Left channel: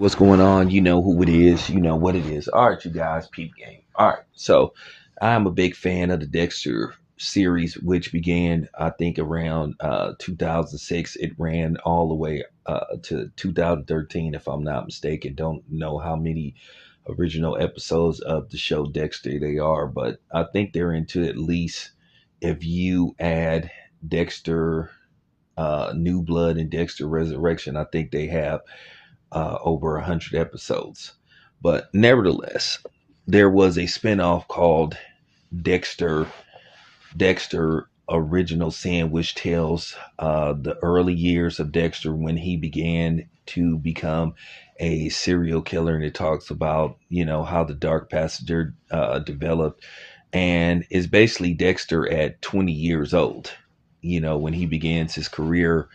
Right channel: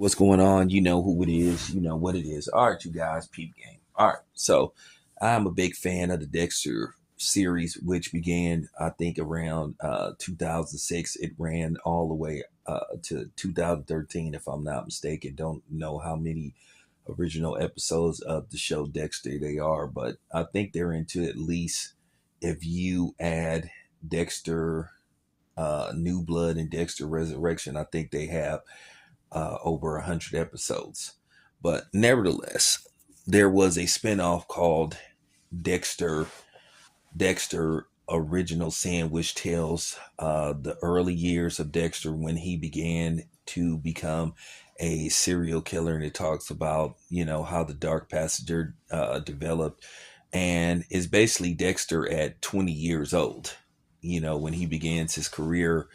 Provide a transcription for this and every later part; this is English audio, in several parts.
What's going on? You know who it is. You know what it is. All right, you guys, peep game. All right. So I'm a big fan of the Dexter series, which began, I think, around 2006. It ran all the way to 2013, if I'm not mistaken. Don't know how many original episodes of the show Dexter they are, but I think they're into at least, if you add Dexter New Blood and Dexter Resurrection, I think they have over 100 episodes. But nevertheless, there was a spinoff called Dexter Dexter Original Sin, which tells the early years of Dexter when he began to become a serial killer, and it talks about how the Dark Passenger developed, and is basically Dexter at 20 years old. When he begins his career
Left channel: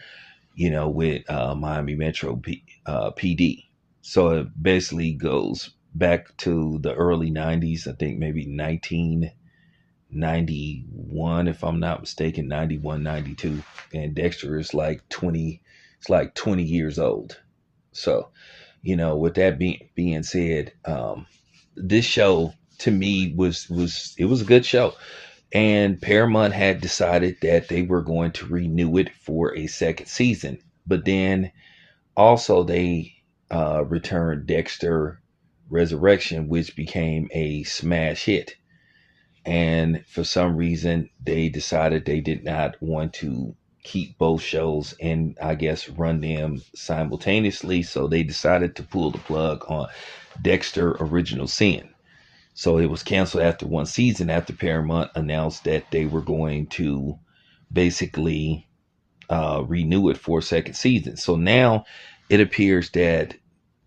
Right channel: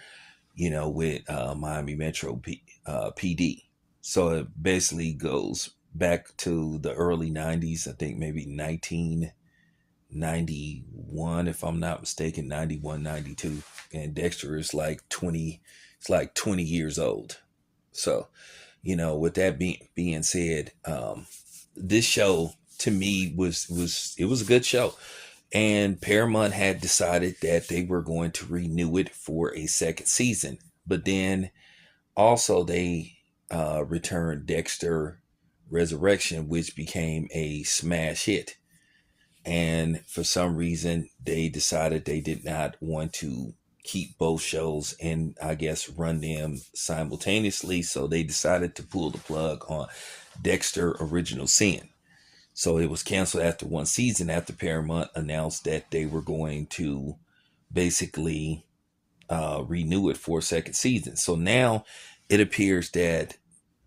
with Miami Metro PD. So it basically goes back to the early 90s, I think maybe 1991, if I'm not mistaken, 91, 92. And Dexter is like 20, it's like 20 years old. So, with that being said, this show to me was it was a good show. And Paramount had decided that they were going to renew it for a second season. But then also they returned Dexter Resurrection, which became a smash hit. And for some reason, they decided they did not want to keep both shows and I guess run them simultaneously. So they decided to pull the plug on Dexter Original Sin. So it was canceled after one season after Paramount announced that they were going to basically renew it for a second season. So now it appears that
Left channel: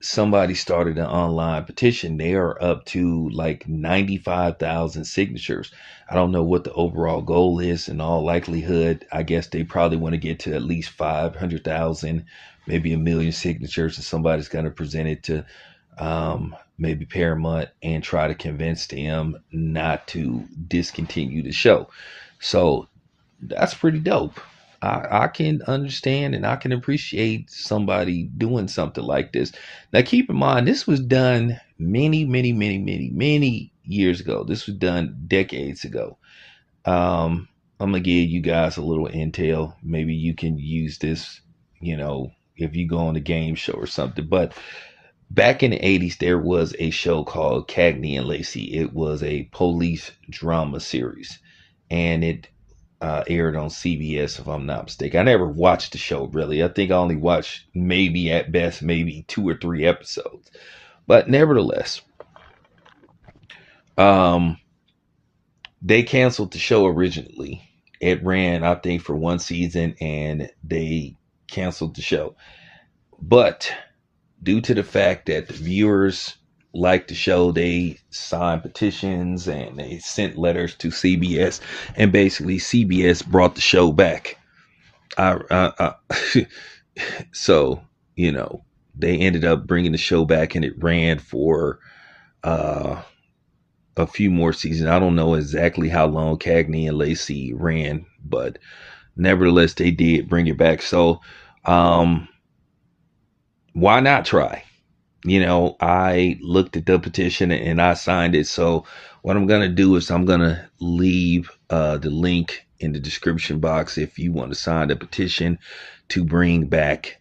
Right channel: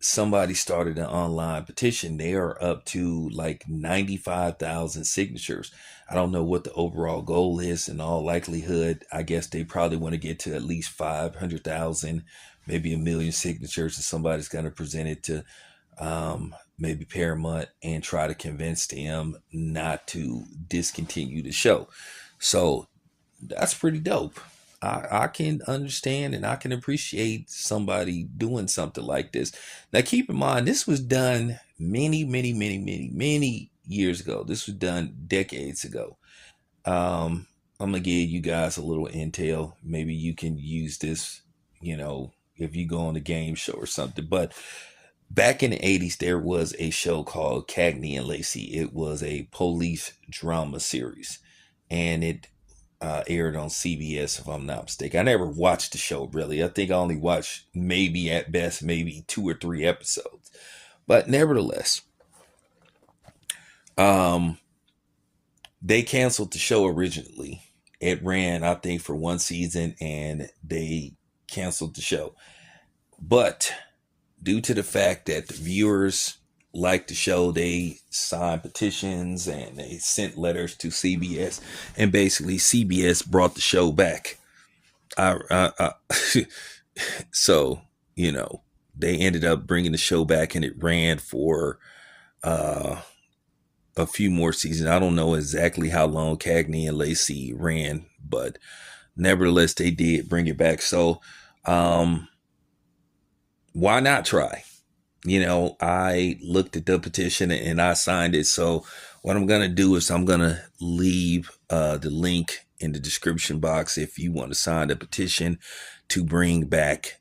somebody started an online petition. They are up to like 95,000 signatures. I don't know what the overall goal is. In all likelihood, I guess they probably want to get to at least 500,000, maybe 1 million signatures, and somebody's going to present it to maybe Paramount and try to convince them not to discontinue the show. So that's pretty dope. I can understand and I can appreciate somebody doing something like this. Now, keep in mind, this was done many, many, many, many, many years ago. This was done decades ago. I'm going to give you guys a little intel. Maybe you can use this, if you go on a game show or something. But back in the 80s, there was a show called Cagney and Lacey. It was a police drama series, and it aired on CBS, if I'm not mistaken. I never watched the show, really. I think I only watched maybe at best, maybe 2 or 3 episodes. But nevertheless, they canceled the show originally. It ran, I think, for one season, and they canceled the show. But due to the fact that the viewers liked the show, they signed petitions and they sent letters to CBS, and basically CBS brought the show back. So they ended up bringing the show back, and it ran for a few more seasons. I don't know exactly how long Cagney and Lacey ran, but nevertheless, they did bring it back. So why not try? I looked at the petition and I signed it. So what I'm going to do is I'm going to leave the link in the description box if you want to sign the petition to bring back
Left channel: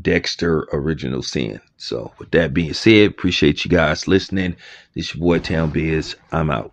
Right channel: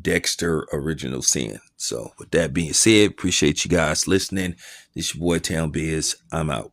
Dexter Original Sin. So with that being said, appreciate you guys listening. This is your boy Town Biz. I'm out.